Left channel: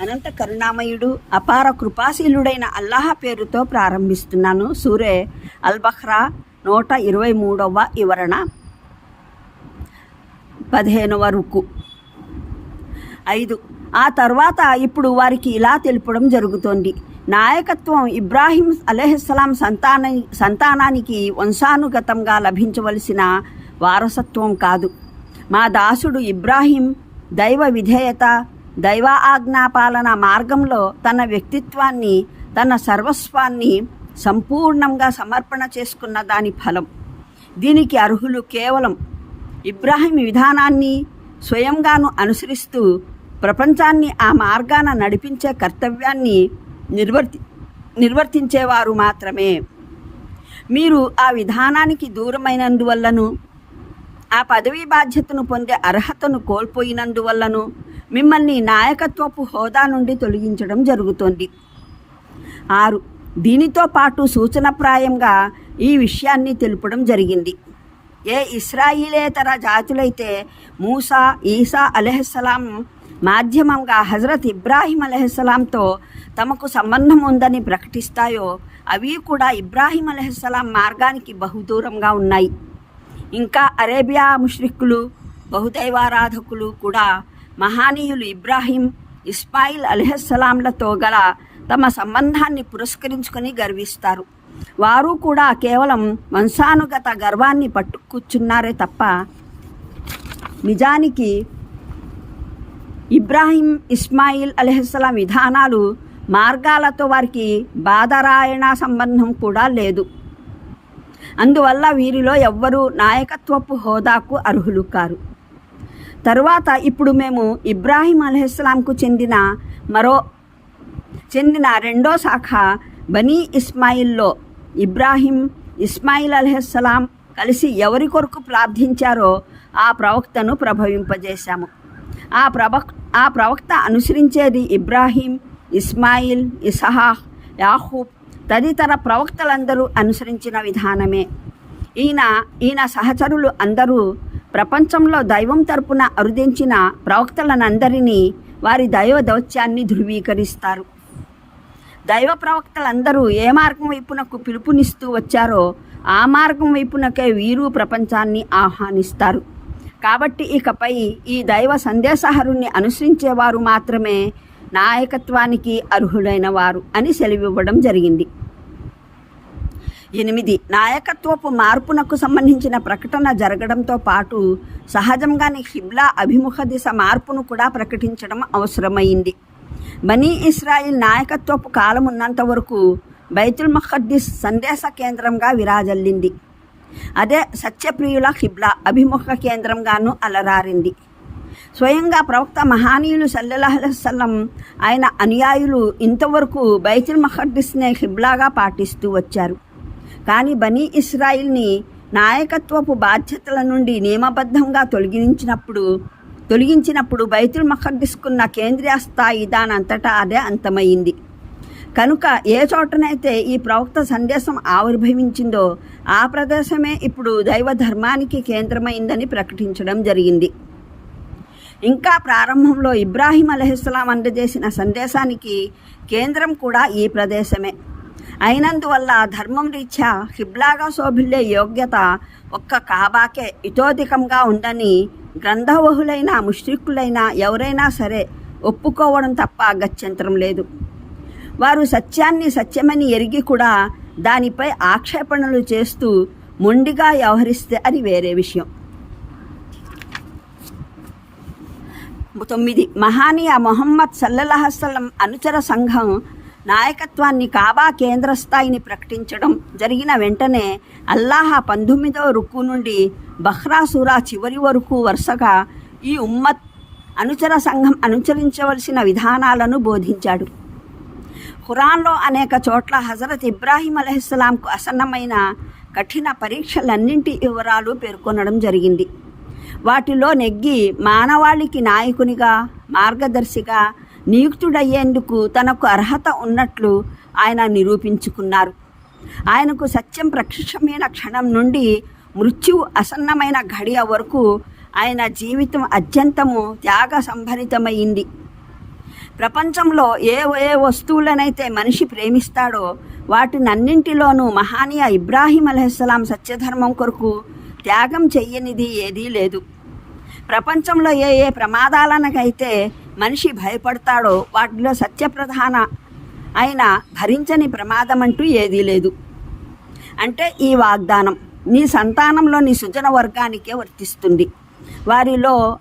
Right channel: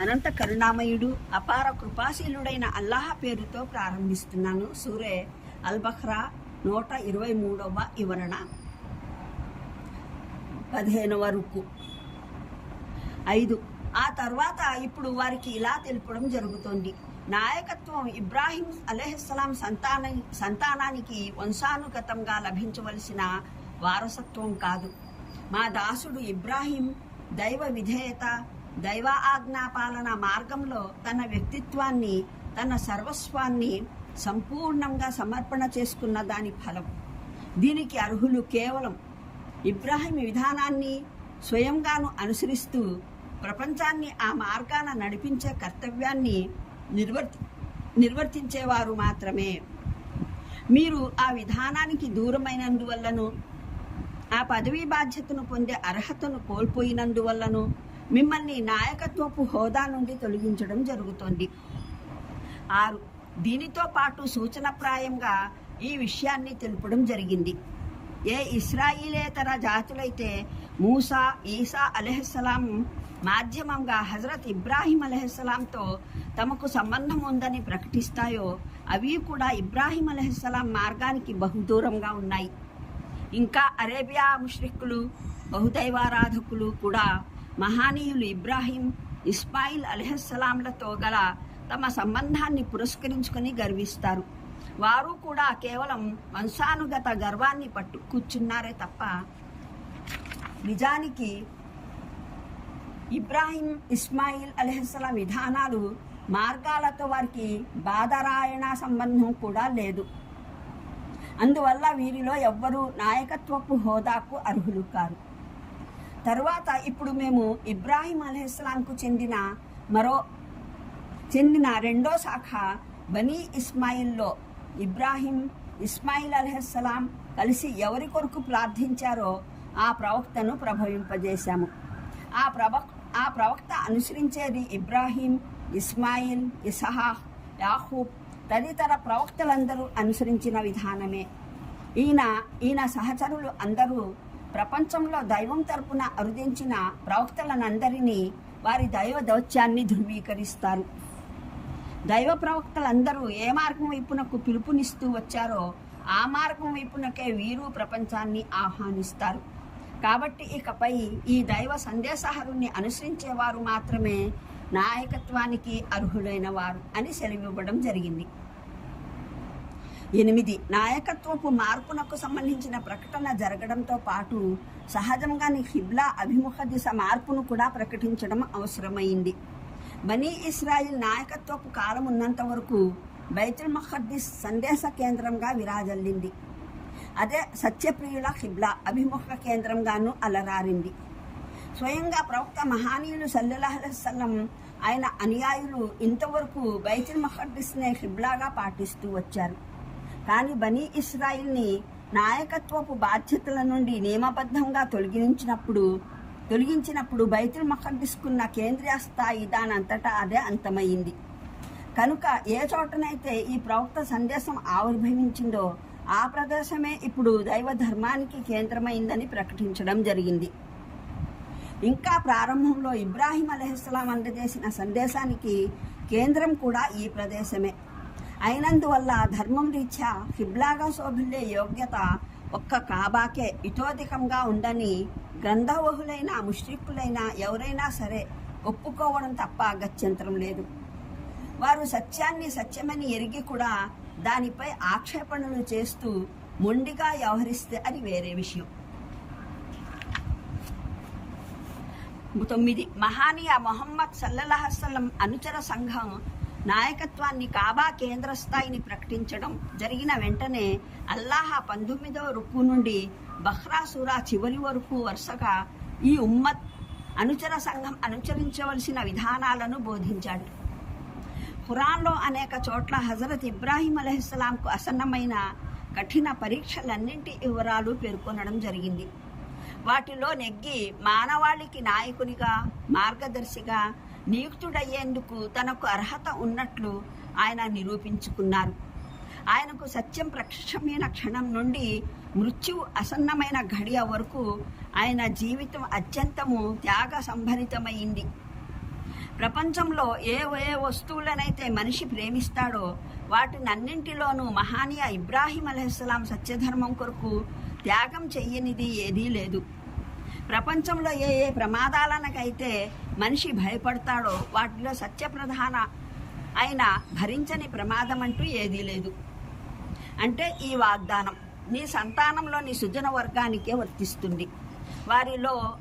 అనంత కరుణామయుడు అపార కృపాశీలుడైన అల్లాహ పేరుతో ప్రారంభిస్తున్నాను. సూరే అల్బఖ్రా నూట ఇరవై మూడవ వివరణ. పదిహేనవ రుకు. ఐదు. ఆ తర్వాత ఇప్పుడు వారికి ఇలా తెలుపడం జరుగుతోంది. నాయకత్వం ఇబ్రాహీం అలెహస్సలాం సంతాన సంతానానికి వంశానుగతంగా లభించవలసిన వారసత్వం కాదు. మా దాసుడు ఇబ్రాహీం దైవ విధేయత దైవ ఆజ్ఞాపాలన మార్గంలో తన వ్యక్తిత్వాన్ని తన సర్వస్వాన్ని సంపూర్ణంగా సమర్పణ చేసుకున్న దాని ఫలం. దీనికి అర్హులు కేవలం ఇబ్రాహిం విధానాన్ని స్వయంగాను అనుసరిస్తూ ప్రపంచాన్ని ఆ మార్గాన నడిపించే కర్తవ్యాన్ని నిర్వర్తి నిర్వర్తించేవారు మాత్రమే. మీరు ఆ విధానానికి దూరమైనందువల్లను ఆ పదవీ బాధ్యతను పొందే అర్హతను కోల్పోయినందువల్లను మిమ్మల్ని నాయకత్వపు హోదా నుండి తొలగించడం జరుగుతోంది. ఆరు దీనితో పాటు సూచనప్రాయంగా ఈ విషయాన్ని తెలుపడం జరిగింది. ఏ ఇస్రాయిలేతర జాతులైతే మూసా ఈసా అలెహస్సలాం మాధ్యమంగా హజరత్ ఇబ్రాహీం అలెహస్సలాంతో తమకు సంబంధం ఉందని ప్రకటిస్తాయో అవి కూడా ఇబ్రాహీం అలెహస్సలాం మార్గానికి బహుదూరంగా ఉన్నాయి. ఇంకా అరేబియా ముష్రిక్కులు బహుదైవారాధకులు కూడా మహానీయులు ఇబ్రాహీం ఇస్మాయిల్ అలెహస్సలాంలతో గల తమ సంబంధాన్ని పురస్కరించుకొని గర్విస్తారు. వారు కూడా కేవలం వంశానుగత గర్వాన్ని పట్టు కూర్చున్నారే తప్ప నిజానికి ఇబ్రాహీం ఇస్మాయిల్ అలెహస్సలాం విధానాలు మార్గాలతో వారికి బాధరాయణ సంబంధం కూడా లేదు. అందువల్ల వీరిలో ఎవ్వరూ నాయకత్వపు హోదాకు అర్హులు కారు. తరువాత ఇప్పుడు మేము ఇబ్రాహీం అలెహస్లాంకు చెందిన మరో చెందిన రెండో శాఖ బనీ ఇస్మాయిల్లో ఇబ్రాహీం ఇస్మాయిల్ అలెహస్సలాం కలిసి ఎవరి కొరకు ప్రార్థించారో ఆ ప్రవక్తను ప్రభవింపజేశాము. ఆ ప్రవక్ ఆ ప్రవక్త అనుసరించేది ఇబ్రాహీం ఇస్మాయిల్ ఇసహా యాహూబ్ తదితర ప్రవక్తలందరూ అనుసరించిన విధానమే. ఈయన ఈయన సహచరులు అందరూ ప్రపంచంలో దైవం తరపున అరుదించిన ప్రవక్తలనందరినీ వారి దైవ దౌత్యాన్ని ధృవీకరిస్తారు. దైవ ప్రవక్తలందరూ ఏ మార్గం వైపునకు పిలుపునిస్తూ వచ్చారో ఆ మార్గం వైపునకే వీరు ప్రపంచాన్ని ఆహ్వానిస్తారు. కాబట్టి ఇకపై ఈ దైవ సందేశహరుణ్ణి అనుసరించేవారు మాత్రమే నాయకత్వానికి అర్హులైన వారు అని సెలవివ్వడం జరిగింది. ఎనిమిది. నాయకత్వపు మార్పునకు సంబంధించిన ప్రకటన జరగడంతో పాటు సహజంగానే హిబ్లా అభిముఖ దిశ మార్పును కూడా ప్రకటించడం అవసరమైంది. బనీ ఇస్రాయిల్ నాయకత్వపు కాలం ఉన్నంత వరకు బైతుల్ మహద్దీస్ సందేశ కేంద్రంగా విరాజల్లింది. అదే సత్యప్రియుల హిబ్లా అభిముఖ కేంద్రంగాను అలరారింది. స్వయంగా ప్రవక్త మహానీయులు సల్లెలహసల్లం ఆయన అనుయాయులు ఇంతవరకు బైతుల్ మహద్దీస్నే హిబ్లాగా పాటిస్తూ వచ్చారు. కానీ బనీ ఇస్రాయిల్ని నాయకత్వపు బాధ్యతల నుండి నియమబద్ధంగా తొలగించినప్పుడు తొలగించినప్పుడు బైతుల్ మహర్దిస్కున్న కేంద్రీయ స్థాయి దానంతటా అదే అంతమైంది. కనుక ఏ చోటనైతే ఈ ప్రవక్త సందేశం ఆవిర్భవించిందో ఆ ప్రదేశమే ఇప్పుడు దైవ ధర్మానికి కేంద్రమైందని ప్రకటించడం జరిగింది. ఇంకా ప్రారంభంలో ఇబ్రాహీం అలహిస్లాం అందజేసిన సందేశానికి కేంద్రం కూడా ఈ ప్రదేశమే. అయినందువల్ల ధర్మం రీత్యా హిబ్లాగా శోభిల్లే యోగ్యత ఒక్క కాబాకే ఇతోధికంగా ఉందని గ్రంథవహులైన ముష్రిక్కులైన ఎవరైనా సరే ఒప్పుకోవడం తప్ప గత్యంతరం లేదు. వారు సత్యాన్ని సత్యమని ఎరిగి కూడా దానిపై ఆక్షేపణలు చేస్తూ మొండిగా వ్యవహరిస్తే అది వేరే విషయం. తొమ్మిది. మహానీయ మొహమ్మద్ సల్లల్లాహసల్లం అనుచర సంఘం నాయకత్వాన్ని కాబా కేంద్ర స్థాయిని ప్రకటించడం జరిగిన వెంటనే అల్లాహ పంతొమ్మిదవ రుక్కు నుండి బహ్రాసురా చివరి వరకు వరుసగా ఈ ఉమ్మత్ అనుచర సంఘం అనుసరించవలసిన విధానాలను బోధించాడు. ఖురాన్లో అనేక చోట్ల హజరత్ ఇబ్రాహీం అలహిస్లాంకు అసన్నమైన కఠిన పరీక్షలన్నింటి వివరాలు పేర్కొనడం జరిగింది. వాటిలో నెగ్గి మానవాళికి నాయకునిగా మార్గదర్శిగా నియుక్తుడయ్యేందుకు తనకు అర్హత ఉన్నట్లు ఆయన నిరూపించుకున్నారు. ఆయనకు సత్యం ప్రత్యక్షమైన క్షణం నుండి మృత్యువు అసన్నమైన ఘడియ వరకు ఆయన జీవితం అత్యంతము త్యాగ సంభరితమైంది ప్రపంచంలో ఏ ఏ వస్తువులనైతే మనిషి ప్రేమిస్తాడో వాటినన్నింటిలోనూ మహానీయ ఇబ్రాహీం అలైహిస్సలాం సత్యధర్మం కొరకు త్యాగం చెయ్యనిది ఏదీ లేదు. ప్రపంచంలో ఏ ఏ ప్రమాదాలనకైతే మనిషి భయపడతాడో వాటిలో సత్యప్రధాన అయిన భరించని ప్రమాదం అంటూ ఏదీ లేదు. అంటే ఈ వాగ్దానం నీ సంతానంలో నీ సుజన వర్గానికే వర్తిస్తుంది. వారిలో